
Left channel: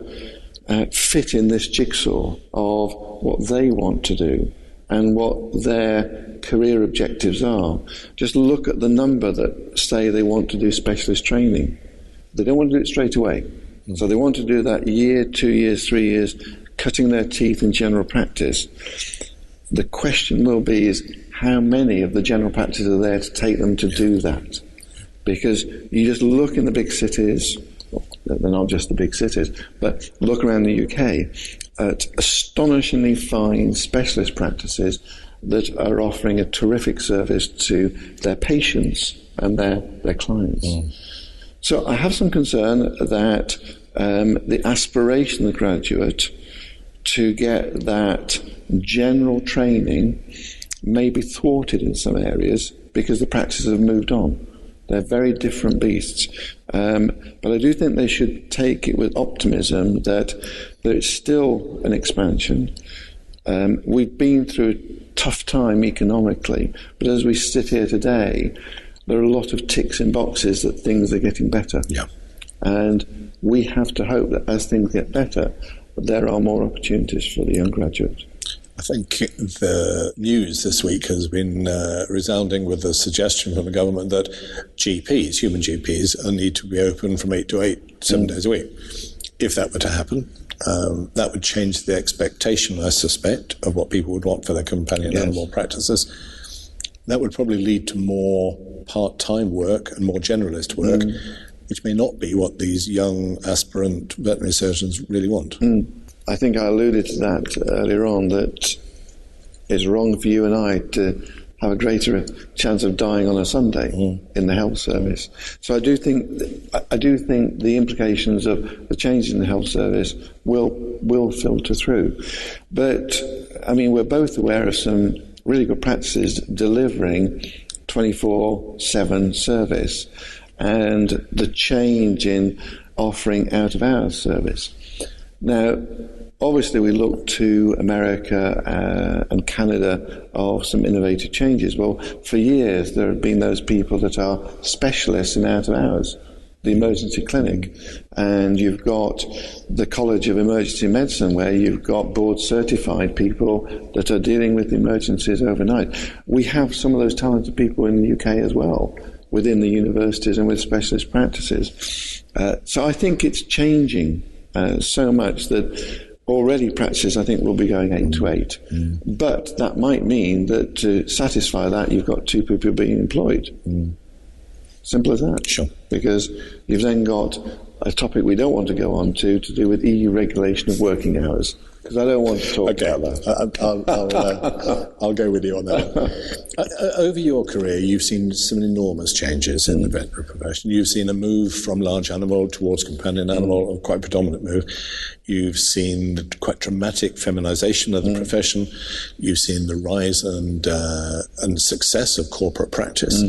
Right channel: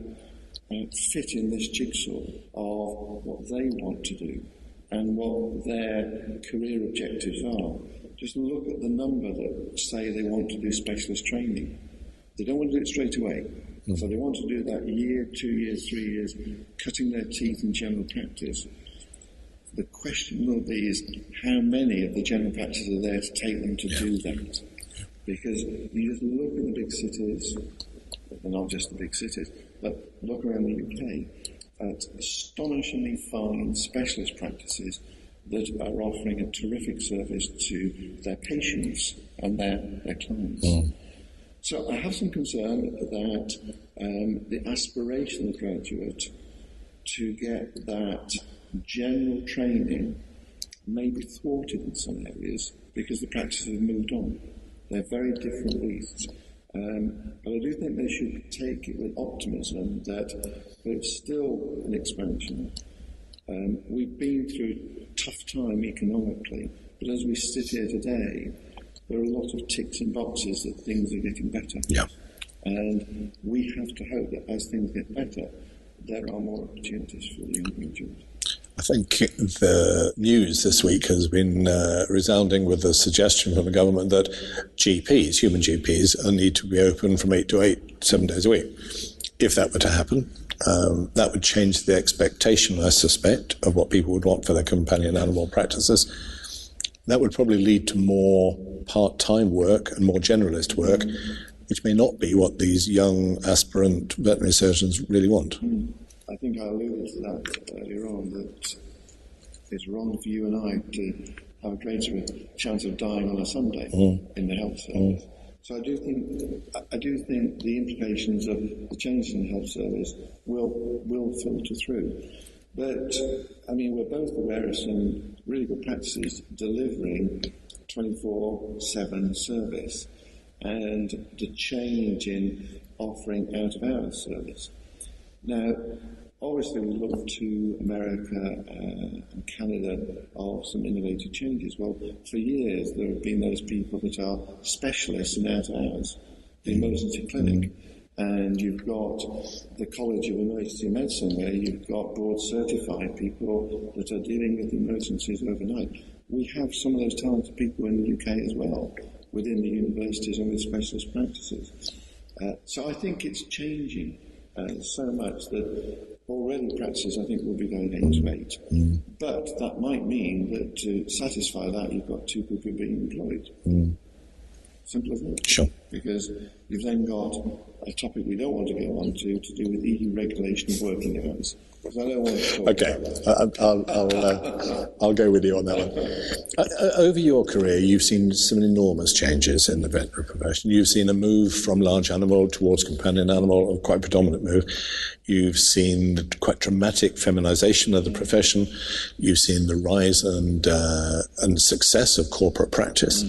fit in this jigsaw of what they want to do and what their career objectives are. Just look at the number that say they want to do specialist training. They don't want to do it straight away. So they want to do that year, 2 years, 3 years, cutting their teeth in general practice. The question will be is how many of the general practices are there to take them to do that? Because you just look in the big cities, they're not just the big cities, but look around the UK at astonishingly fine specialist practices that are offering a terrific service to their patients and their clients. So I have some concern that the aspiration of the graduate to get that general training may be thwarted in some areas because the practices have moved on. They're very different beasts. But I do think they should take it with optimism that there is still an expansion. We've been through a tough time economically, but as we sit here today, there are a lot of ticks in boxes that things are getting better. Yeah. And we have to hope that as things get better, there are more opportunities for the young graduates. I think the news this week has been resounding with the suggestion from the government that GPs, human GPs, need to be open from 8 to 8, 7 days a week. If that were to happen, that would change the expectation, I suspect, of what people would want for their companion animal practices. That would probably lead to more part-time work and more generalist work, which may not be what these young aspirant veterinary surgeons really want. I think I alluded to that earlier on, that it's wrong for you and I to have a greater chance of dying on a Sunday in the health service. So I do think the implications of the change in the health service will filter through. But I mean, we're both aware of some really good practices delivering 24/7 service, and the change in offering out-of-hours service. Now, obviously, we look to America and Canada of some innovative changes. Well, for years, there have been those people that are specialists in out-of-hours, the emergency clinic. And you've got the College of Emergency Medicine, where you've got board-certified people that are dealing with emergencies overnight. We have some of those talented people in the UK as well, within the universities and with specialist practices. So I think it's changing so much that already practices, I think, will be going 8 to 8. But that might mean that to satisfy that, you've got 2 people being employed. Simple as that. Sure. Because you've then got a topic we don't want to go on to do with EU regulation of working hours. Because I don't want to talk about that. I'll go with you on that one. Over your career, you've seen some enormous changes in the veterinary profession. You've seen a move from large animal towards companion animal, a quite predominant move. You've seen quite dramatic feminization of the profession. You've seen the rise and success of corporate practice.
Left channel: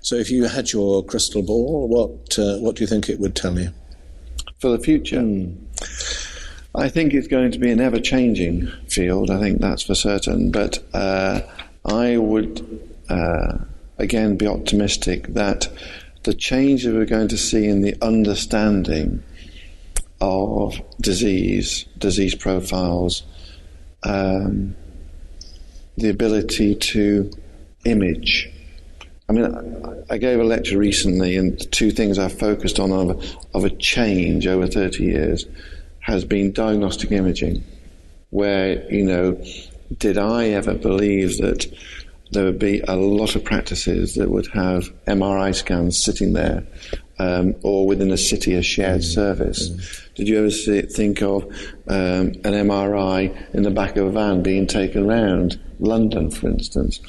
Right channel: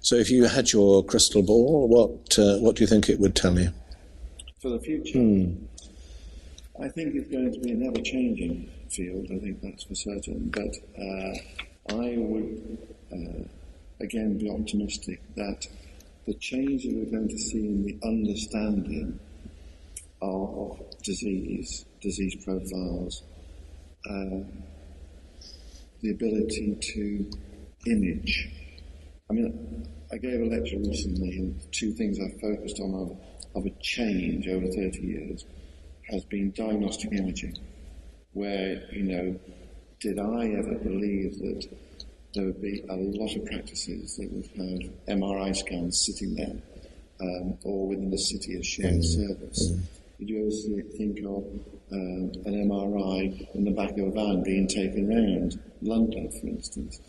So if you had your crystal ball, what do you think it would tell you? For the future? I think it's going to be an ever-changing field. I think that's for certain. But I would, again, be optimistic that the change that we're going to see in the understanding of disease profiles, the ability to image. I mean, I gave a lecture recently, and the 2 things I've focused on of a change over 30 years has been diagnostic imaging, where, did I ever believe that there would be a lot of practices that would have MRI scans sitting there, or within a city, a shared service? Did you ever think of an MRI in the back of a van being taken around London, for instance?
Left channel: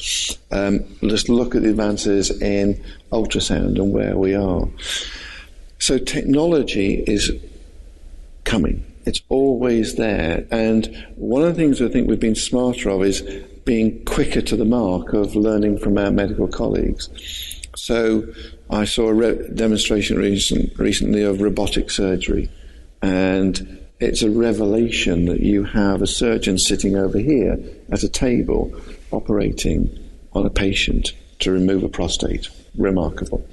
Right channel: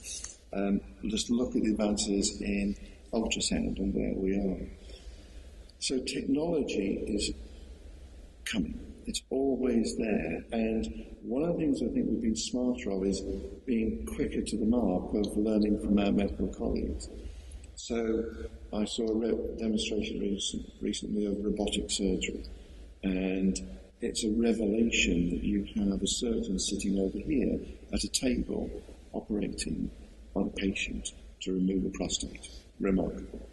Just look at the advances in ultrasound and where we are. So technology is coming. It's always there. And one of the things I think we've been smarter of is being quicker to the mark of learning from our medical colleagues. So I saw a demonstration recently of robotic surgery. And it's a revelation that you have a surgeon sitting over here at a table operating on a patient to remove a prostate. Remarkable.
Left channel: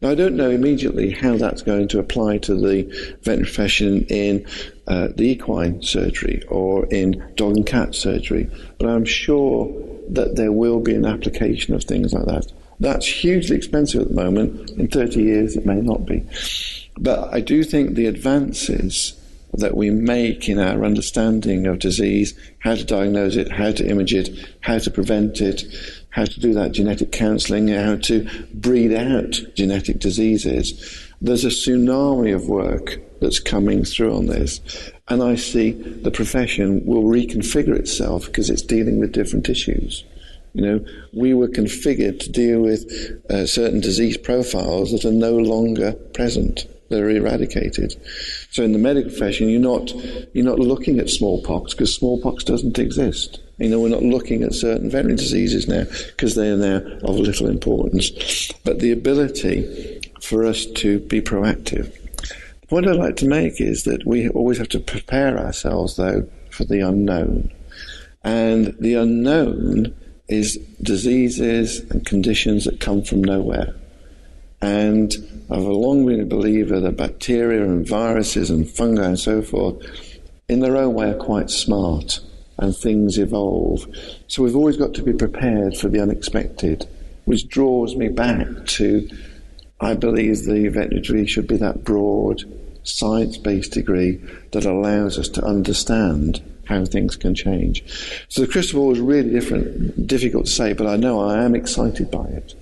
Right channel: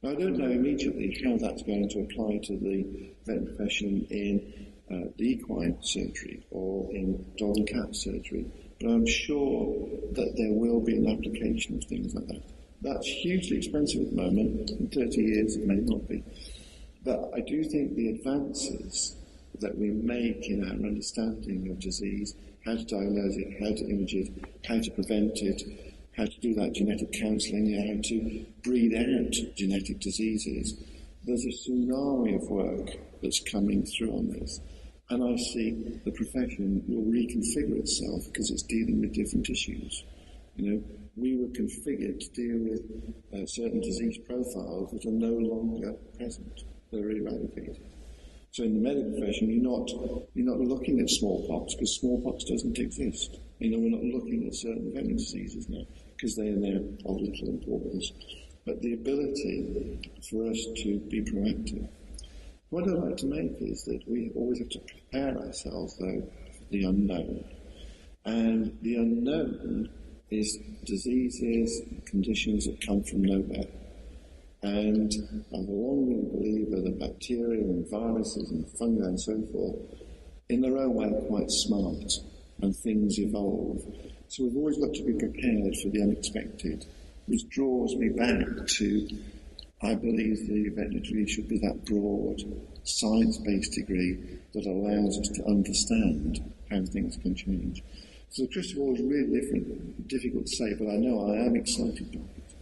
Now, I don't know immediately how that's going to apply to the veterinary profession in the equine surgery or in dog and cat surgery, but I'm sure that there will be an application of things like that. That's hugely expensive at the moment. In 30 years, it may not be. But I do think the advances that we make in our understanding of disease, how to diagnose it, how to image it, how to prevent it, how to do that genetic counselling, how to breed out genetic diseases. There's a tsunami of work that's coming through on this. And I see the profession will reconfigure itself because it's dealing with different issues. We were configured to deal with certain disease profiles that are no longer present. They're eradicated. So in the medical profession, you're not looking at smallpox because smallpox doesn't exist. We're not looking at certain veterinary diseases now because they are now of little importance. But the ability for us to be proactive. The point I'd like to make is that we always have to prepare ourselves, though, for the unknown. And the unknown is diseases and conditions that come from nowhere. And I've long been a believer that bacteria and viruses and fungi and so forth, in their own way, are quite smart, and things evolve. So we've always got to be prepared for the unexpected, which draws me back to, I believe the veterinary degree should be that broad, science-based degree that allows us to understand how things can change. So the crystal ball is really difficult to say, but I know I am excited by it.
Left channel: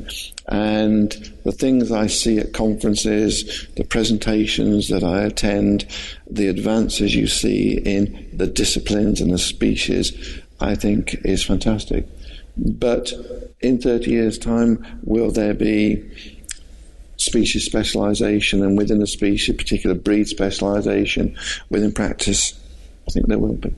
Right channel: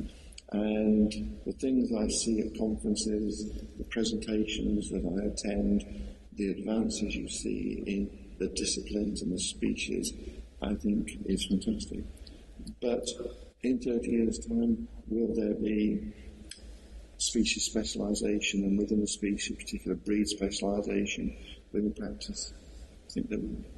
And the things I see at conferences, the presentations that I attend, the advances you see in the disciplines and the species, I think is fantastic. But in 30 years' time, will there be species specialisation, and within a species, particular breed specialisation within practice? I think there will be.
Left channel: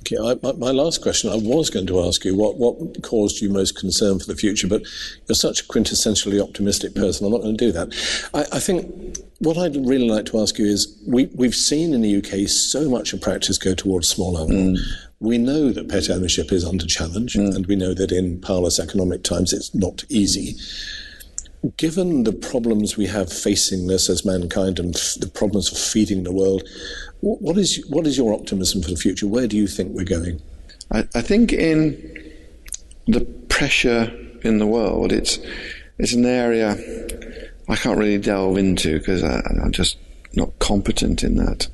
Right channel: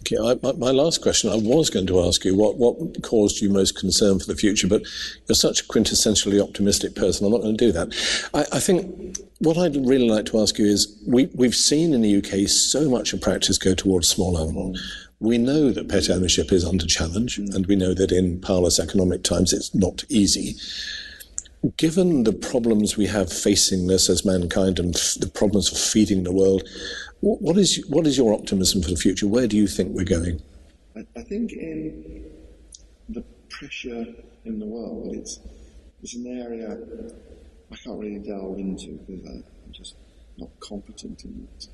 Okay, my last question, I was going to ask you what caused you most concern for the future, but you're such a quintessentially optimistic person, I'm not going to do that. I think what I'd really like to ask you is, we've seen in the UK so much of practice go towards small animal. We know that pet ownership is under challenge, and we know that in parlous economic times it's not easy. Given the problems we have facing this as mankind and the problems of feeding the world, what is your optimism for the future? Where do you think we're going? I think in the pressure in the world, it's an area I can't really delve into because I'm just not competent in that.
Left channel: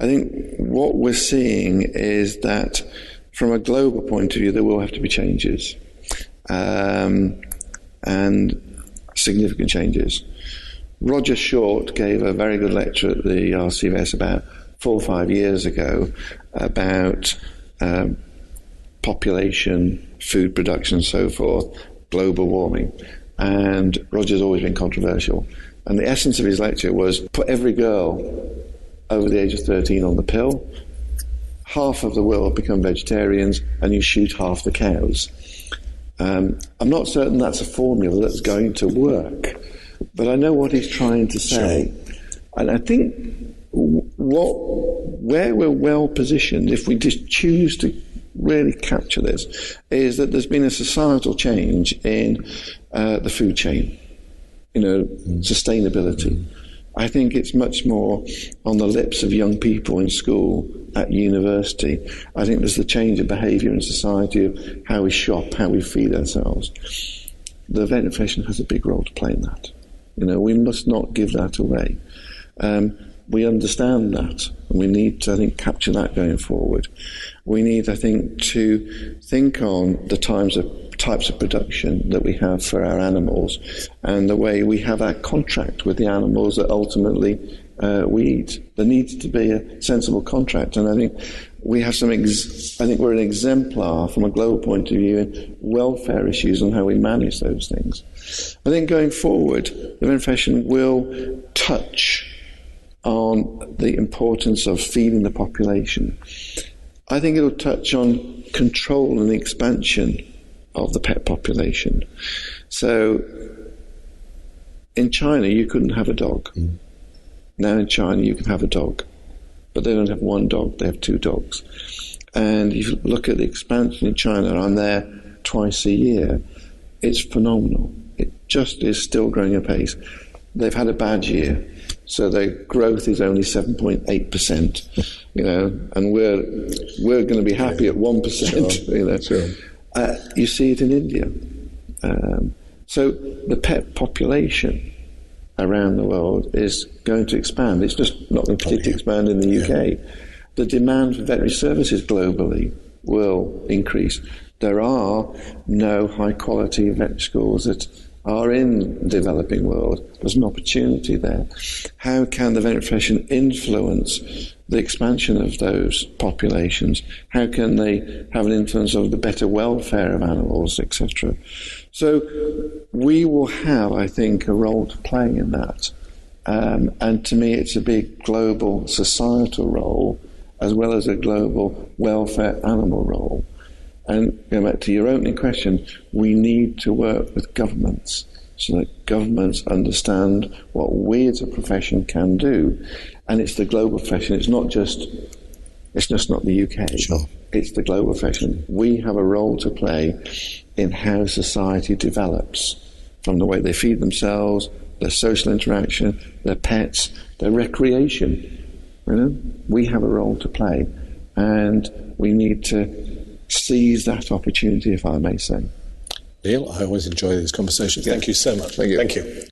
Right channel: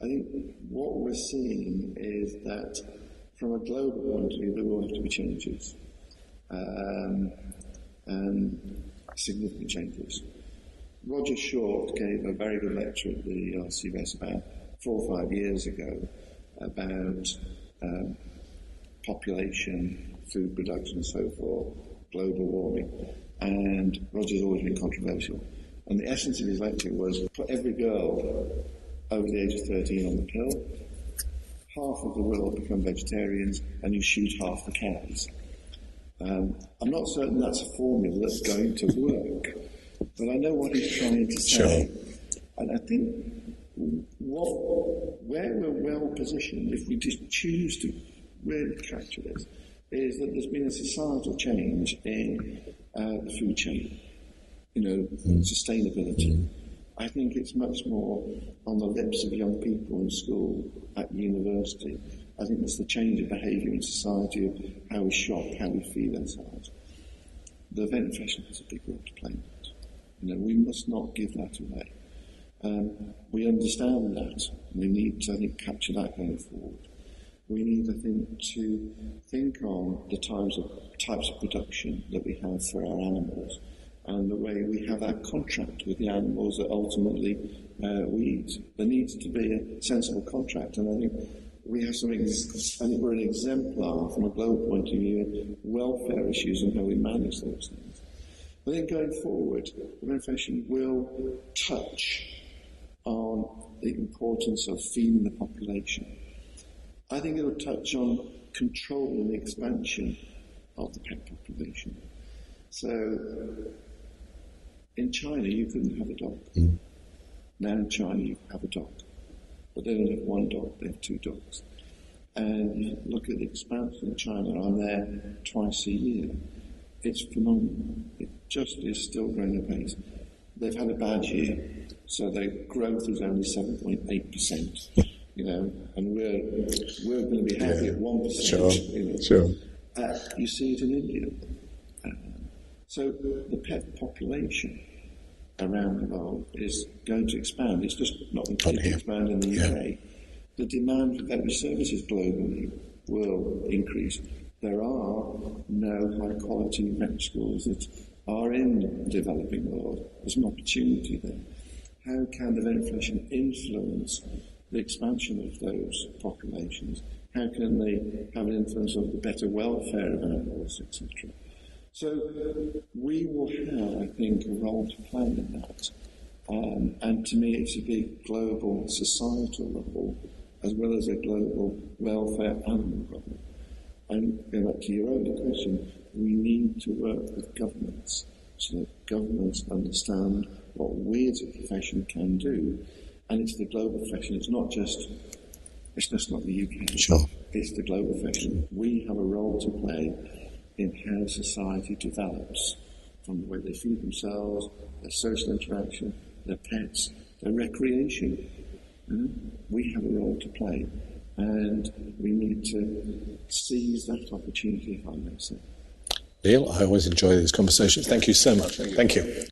I think what we're seeing is that from a global point of view, there will have to be changes. And significant changes. Roger Short gave a very good lecture at the RCVS about 4 or 5 years ago about population, food production and so forth, global warming. And Roger's always been controversial. And the essence of his lecture was put every girl over the age of 13 on the pill, half of the world become vegetarians, and you shoot half the cows. I'm not certain that's a formula that's going to work, but I know what he's trying to say. Sure. And I think where we're well positioned, if we just choose to really capture this, is that there's been a societal change in the food chain, sustainability. I think it's much more on the lips of young people in school, at university. I think there's the change of behaviour in society of how we shop, how we feed ourselves. The veterinary profession has a big role to play in that. We must not give that away. We understand that, and we need to, I think, capture that going forward. We need, I think, to think on the types of production that we have for our animals and the way we have our contract with the animals that ultimately we eat. There needs to be a sensible contract, and I think we have I think we're an exemplar from a global point of view in welfare issues on how we manage those things. I think going forward, the veterinary profession will touch on the importance of feeding the population. I think it'll touch on control and expansion of the pet population. So in China, you couldn't have a dog. Now in China, you can have a dog. But they don't have one dog, they have 2 dogs. And if you look at the expansion in China, I'm there twice a year, it's phenomenal. It just is still growing apace. They've had a bad year, so their growth is only 7.8%, and we're going to be happy at 1%. Sure. You see it in India. So the pet population around the world is going to expand. It's just not going to particularly expand in the UK. The demand for veterinary services globally will increase. There are no high-quality veterinary schools that are in the developing world. There's an opportunity there. How can the veterinary profession influence the expansion of those populations? How can they have an influence over the better welfare of animals, etc.? So we will have, I think, a role to play in that. And to me, it's a big global societal role as well as a global welfare animal role. And going back to your opening question, we need to work with governments so that governments understand what we as a profession can do. And it's the global profession. It's just not the UK. Sure. It's the global profession. We have a role to play in how society develops, from the way they feed themselves, their social interaction, their pets, their recreation. We have a role to play, and we need to seize that opportunity, if I may say. Neil, I always enjoy these conversations. Thank you so much. Thank you. Thank you.